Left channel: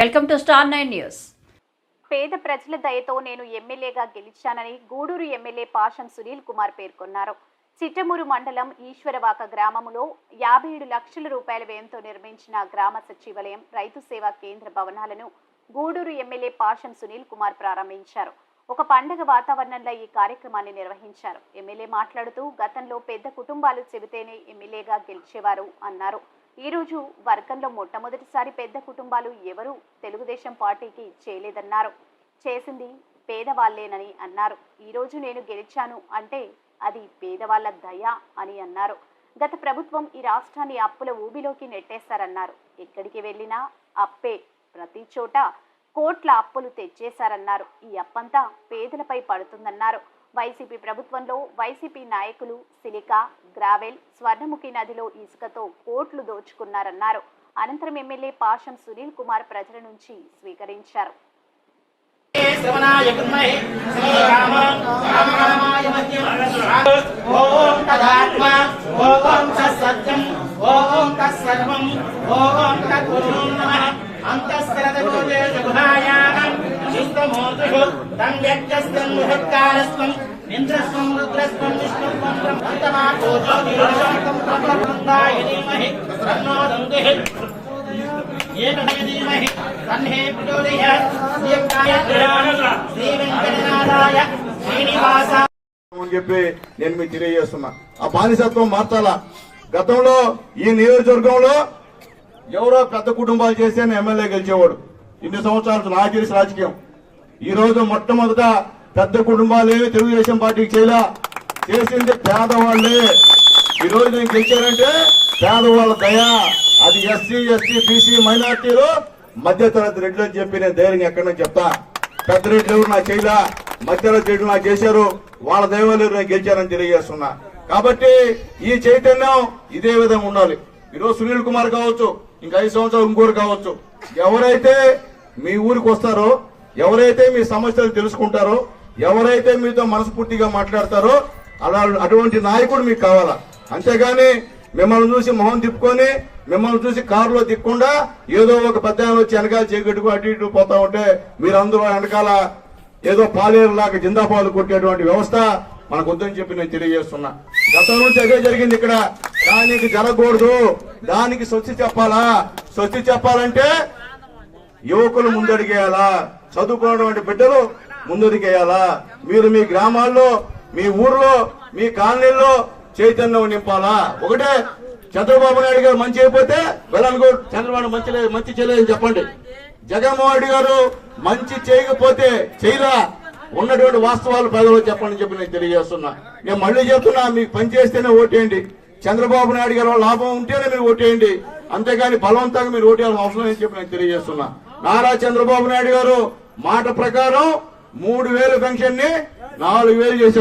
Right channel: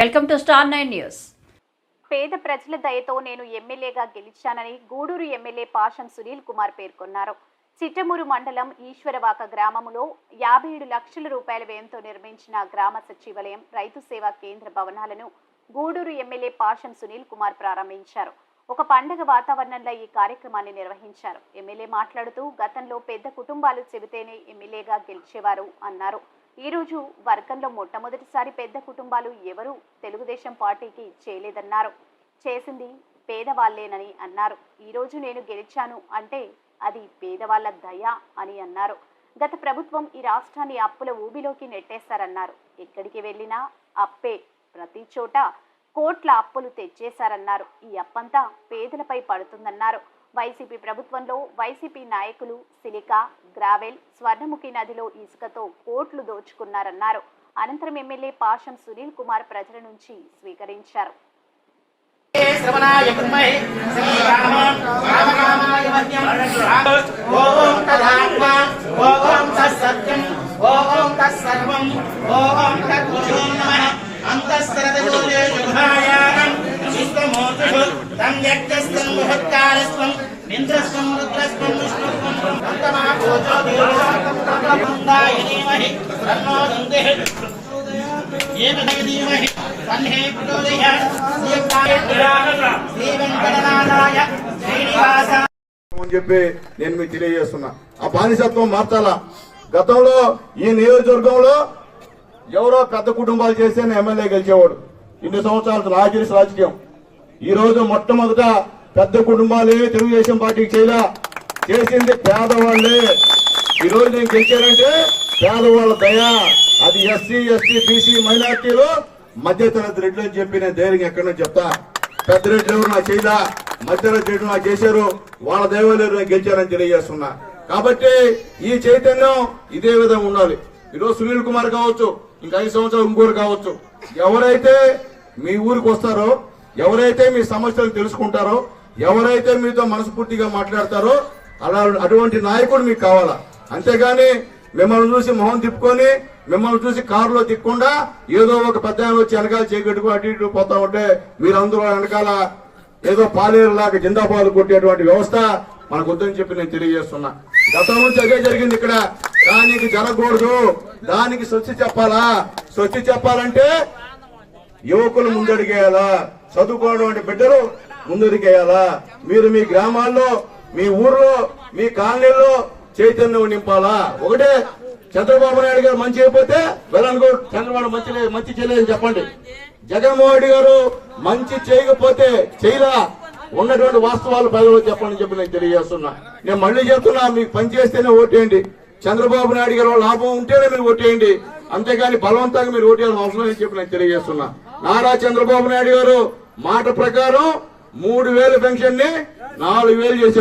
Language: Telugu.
Welcome to star nine news. పేద ప్రజల దయతో నేను ఎమ్మెల్యేగా గెలిచానని గూడూరు ఎమ్మెల్యే పాషం సునీల్ కుమార్ పేర్కొన్నారు. చిట్టమూరు మండలం ఈశ్వరవాక గ్రామములో యాభై ఏడు లక్షల రూపాయల వ్యయంతో నిర్మించిన గ్రామ సచివాలయం రైతు సేవా కేంద్ర భవనాలను గూడూరు ఎమ్మెల్యే పాషం సునీల్ కుమార్ ప్రారంభించారు. ఒక పండగ వాతావరణంలో ఈ కార్యక్రమాన్ని నిర్వహించారు. ఎమ్మెల్యే మాట్లాడుతూ గతంలో పెద్ద కుటుంబాలు చెబితేనే ఎమ్మెల్యేగా గెలిచేవారు అన్నారు. ఈరోజు వర్గంలో మొట్టమొదటిసారి పెద్ద కుటుంబాలు ఎవరూ తెలుగుదేశం పార్టీకి చేయలేదన్నారు. చేసింది పేదవాళ్ళేనని అన్నారు. ఈరోజు నేను గెలిచాను అంటే అది పేదవాళ్ళ దయ అని అన్నారు. గత ప్రభుత్వం ఈ రాష్ట్రాన్ని అప్పుల ఊబిలోకి నెట్టేశారన్నారు. ఎక్కడికి వెళ్ళినా అప్పే. ప్రతి చోట కోట్ల అప్పులు తెచ్చేశారన్నారు. ఈ అప్పంతా పేదలపై పడుతుందన్నారు. వైసీపీ ప్రభుత్వంలో వైసీపీ నాయకులు సిలికా గ్రావెల్ స్వర్ణముఖి నదిలో ఇసుకతో కోట్లు దోచుకున్నారన్నారు. అనంతరం ఎమ్మెల్యే పాషం సునీల్ కుమార్ ప్రజల నుంచి స్వీకరించారు. ఓం తదాత్మ తం యజ్ఞస్తం ఇంద్రస్వం రుద్రస్వం విష్ణుస్వం ధీమహి తన్హే శ్రీ వెంకటనారాయ శ్రీనివాస. అని చెప్పి నేను మీకు తెలియజేస్తున్నా. ఆ బానిసత్వం మార్చాలా. గతంలో ఈ నియోజకవర్గంలో ఎవరో పెద్ద కుటుంబాలు చేస్తే ఎమ్మెల్యే గెలిచేవాడు. ఇన్ని సంవత్సరాలు నాకు రాజకీయం. ఈ రోజు మొట్టమొదట పెద్ద కుటుంబాలే తెలుగుదేశం పార్టీకి చేయలా చేసింది పేదవాళ్ళే ఈ రోజు నేను గెలిచారంటే పేదవాళ్ళ దయ అది ఎస్సీ ఎస్టీ బీసీ మైనార్టీలో. మధ్యతరగతి రెడ్లు అని చెప్పి నేను ధైర్యం ఎక్కడో చెప్తా. పెద్ద రెడ్లు ఎవరు నాకు చేయలా? మధ్యతరగతి రెడ్లు నాకు చేశారు. వాళ్ళ దైవాలు నేను గెలిచానని తెలియజేస్తున్నా. కాబట్టి ఈ చైతన్యం ఇదే విధంగా ఉండాలి. ఈరోజు సునీల్ కుమార్ కావచ్చు ఇంకా ఐదు సంవత్సరాలు ఇంకోరు కావచ్చు. ఎవరైతే మీ ఊరికి వస్తారో ఎవరైతే మీ సమస్యలు తెలుసుకుంటారో ఎవరైతే మీతో మనస్ఫూర్తిగా మాట్లాడతారో అలా అటువంటి నాయకుడు మీకు కావాలా? అంతేగాని మిమ్మల్ని చూసి మొహం తిప్పుకొని మిమ్మల్ని చూసి కారులో తిక్కకుండా ఏదో ఒక పెద్ద వచ్చి వెనకాల చీకట్టుకు అటు ఇటు పోతా ఉంటే మీరందరూ వెనకాల ఏదో పాలేరులాగా జిందాబాద్ కొట్టేటువంటి వ్యవస్థ మనకు వద్దని చెప్పి నేను తెలియజేస్తున్నా. గతం నుంచి అదే జరిగింది ఇక్కడ. దానికి జరగకూడదు. దానికి స్వచ్ఛ చెప్పాలా? స్వచ్ఛ చెప్పాలంటే యువకులు ముందడిగేయాలా? చదువుకోవడం బిడ్డలు ముందడిగేయాలా? మీరు మీ గ్రామాల్లో మీ ఊర్లో మీ కాలనీల్లో చైతన్యం నింపాలా? ఒకటే చంద్రబాబు నాయుడు గారు మంచి అయిపోతే వెళ్ళనుకో చంద్రబాబు మంచి లేదు మంచి చేయలేదని చెప్పండి. జగన్మోహన్ రెడ్డి గారు మంచి చేయకపోతే చేయరా? ఉన్నటువంటి వాస్తవాలు ప్రజలు చెప్పండి చెప్పి నేను తెలియజేస్తున్నా. నేను మళ్ళీ చెప్తున్నా మీకు పని చేస్తేనే ఓటేయండి. చంద్రబాబు నాయుడు గారు లాభం ఉంటేనే మీరు ఓటేయండి. అంతేగాని బలవంతంగా మీరు ఓటేయాల్సిన అవసరం అని చెప్పి నేను తెలియజేస్తున్నా. నారా చంద్రబాబు నాయుడు గారు మాట ప్రకారం మూడు వేలు పెన్షన్ని నాలుగు వేలు చేశారు.